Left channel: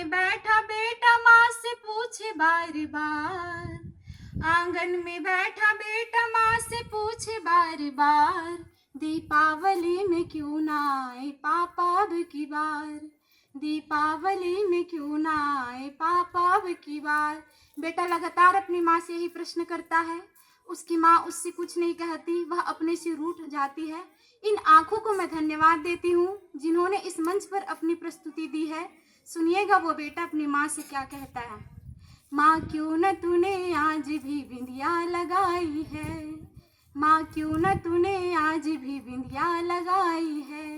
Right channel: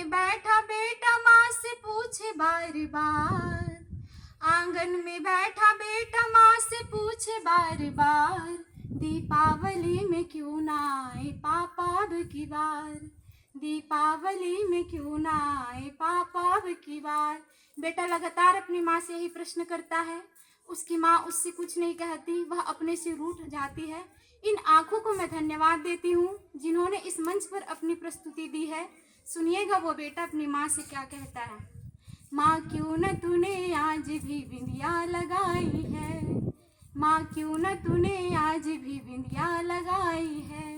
में बैठा बेटा माँ से पूछे बार बार, आंगन में बैठा बेटा माँ से पूछे बार बार, दीपावली में क्यों ना आए पापा अब की बार, दीपावली में क्यों ना आए पापा अब की बार। बेटा लगातार अपनी माँ से यही प्रश्न करता है। उसकी माँ उससे कुछ नहीं कहती, वह अपने से रूठ जाती है। इन आंखों को मैं धन्यवाद देती हूँ जिन्होंने इस मंच पर अपनी प्रस्तुति दी है। सुनिएगा वो बेटा अपनी माँ से क्या कहता है। माँ क्यों न तूने आज भी बिंदिया लगाई है, माँ क्यों न तूने आज भी बिंदिया लगाई है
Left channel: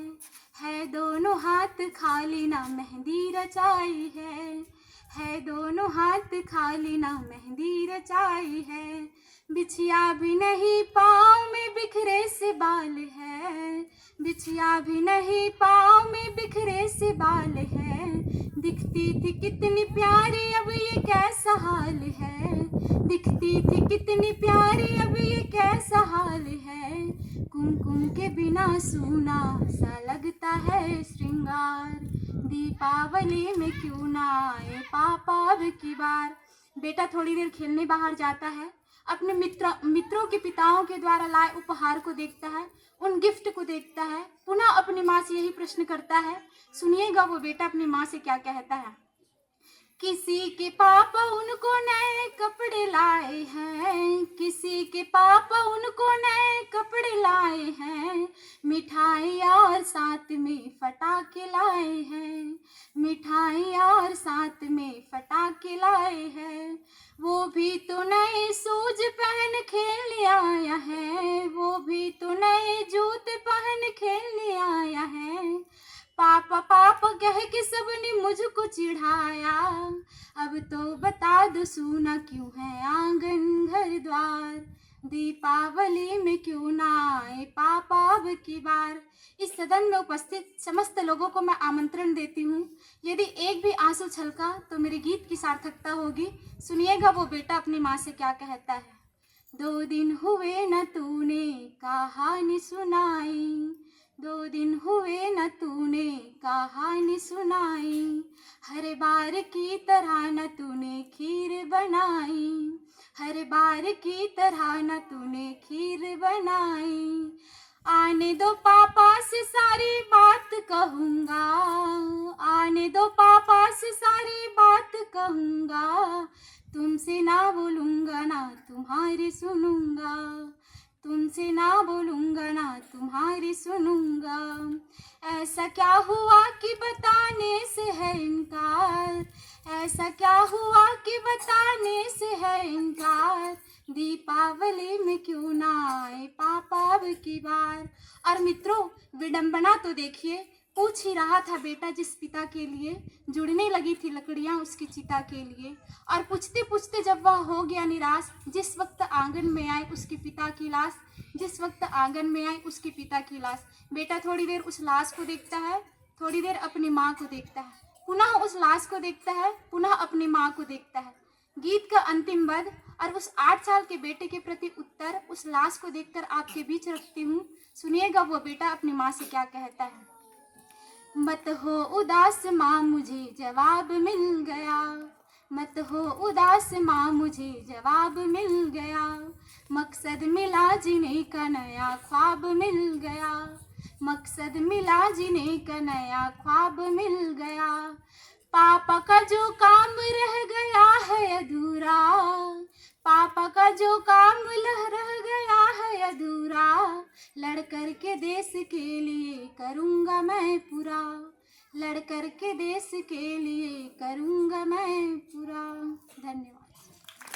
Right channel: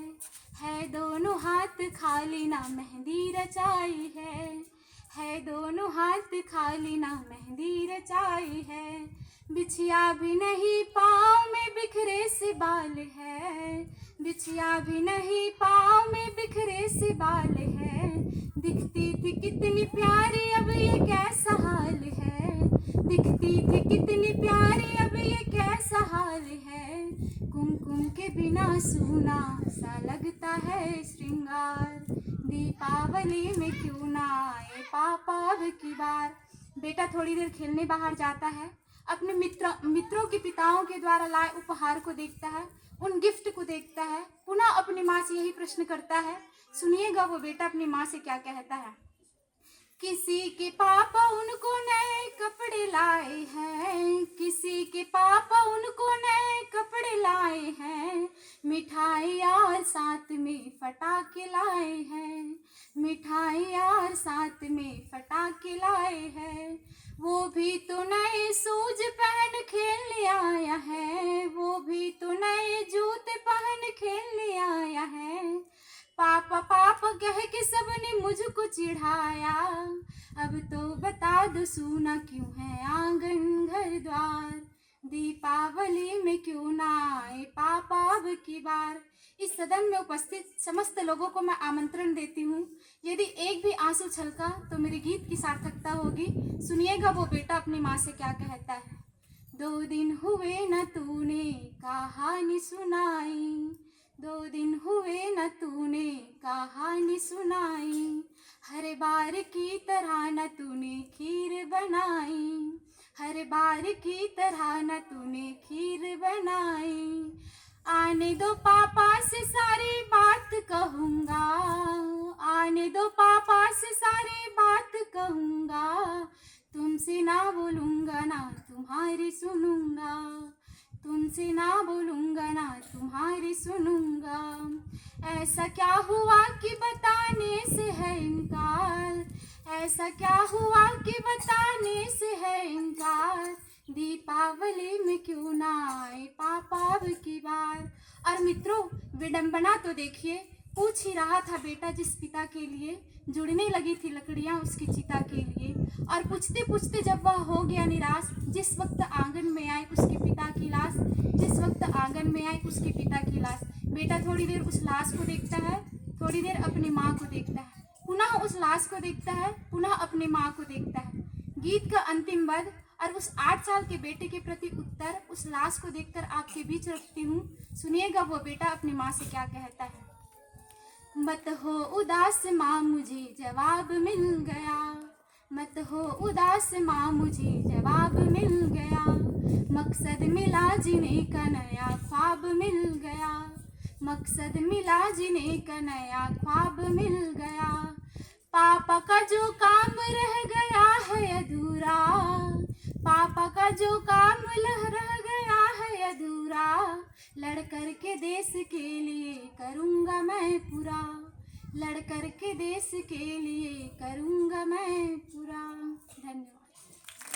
दोनों हाथ खाली ना मेहंदी रचाई है दोनों हाथ खाली ना मेहंदी रचाई है, बिछिया भी नहीं पाँव में बिखरे से बाल है, बिछिया भी नहीं पाँव में बिखरे से बाल है, दिखती थी कितनी प्यारी अब ये कैसा हाल है, दिखती थी कितनी प्यारी अब ये कैसा हाल है, कुमकुम के बिना सूना सा लगता है श्रृंगार, दीपावली में क्यों ना आए पापा अब की बार। बेटा थोड़ी देर खेलने बाहर जाता है, अपने मित्रों के पिताओं के द्वारा लाए उपहार को देखता है, उन गिफ्ट को देखता है, पुनः अपनी माँ से यही प्रश्न करता है। सुनिएगा वो बेटा अपनी माँ से क्या कहता है। किसी के पापा उनको नए कपड़े लाए हैं, किसी के पापा उनको नए कपड़े लाए हैं, मिठाई और साथ में फटाके लाए हैं, मिठाई और साथ में फटाके लाए हैं, वो भी तो नए शूज पहन खेलने आया है, वो भी तो नए जूते पहन खेलने आया है, पापा पापा कह के सबने मुझको चिढ़ाया, अब तो बता दो सूना क्यों है आंगन घर द्वार, दीपावली में क्यों ना आए पापा अब की बार। इस सदन में उपस्थित समस्त लोगों को मैं आमंत्रण देती हूँ, यदि एक भी आंसू छलका तो मेरे गीत की सार्थकता होगी। सुनिएगा वो बेटा अपनी माँ से क्या कहता है। 2 दिन हुए न तूने कहानी सुनाई, 2 दिन हुए न तूने कहानी सुनाई, हर बार की तरह न तूने खीर बनाई, हर बार की तरह न तूने खीर बनाई, आने दो पापा से सारी बात कहूँगा, आने दो पापा से सारी बात कहूँगा, तुमसे ना बोलूँगा ना तुम्हारी सुनूँगा, तुमसे ना बोलूँगा ना तुम्हारी सुनूँगा, ऐसा क्या हुआ कि बताने से है इनकार, ऐसा क्या हुआ कि बताने से है इनकार, दीपावली में क्यों ना आए पापा अब की बार। और मित्रों विडंबना तो देखिए, पूछ ही रहा था बेटा जिस पिता के लिए, जुड़ने लगी थी लकड़ियां उसकी चिता के लिए, और पूछते पूछते जब वह हो गया निराश, जिस वक्त आंगन में आए उसके पिता की लाश, जिस वक्त आंगन में आए उसके पिता की लाश। बेटा थोड़ी देर उस लाश को देखता है, थोड़ी देर अपनी माँ को देखता है, पुनः उस लाश को देखता है, पुनः अपनी माँ को देखता है। गीत का अंतिम पद और उस 8 साल के बेटे के प्रति उत्तर उस लाश को देखकर आपके बीच रखती हूँ। सुनिएगा वो बेटा अपनी माँ से क्या कहता है। मत हो उदास माँ मुझे जवाब मिल गया, मत हो उदास माँ मुझे जवाब मिल गया, मकसद मिला जीने का नया ख्वाब मिल गया, मकसद मिला जीने का नया ख्वाब मिल गया, पापा का जो काम रह गया है अधूरा, पापा का जो काम रह गया है अधूरा, लड़ कर के देश के लिए करूँगा मैं पूरा, लड़ कर के देश के लिए करूँगा मैं पूरा। धन्यवाद।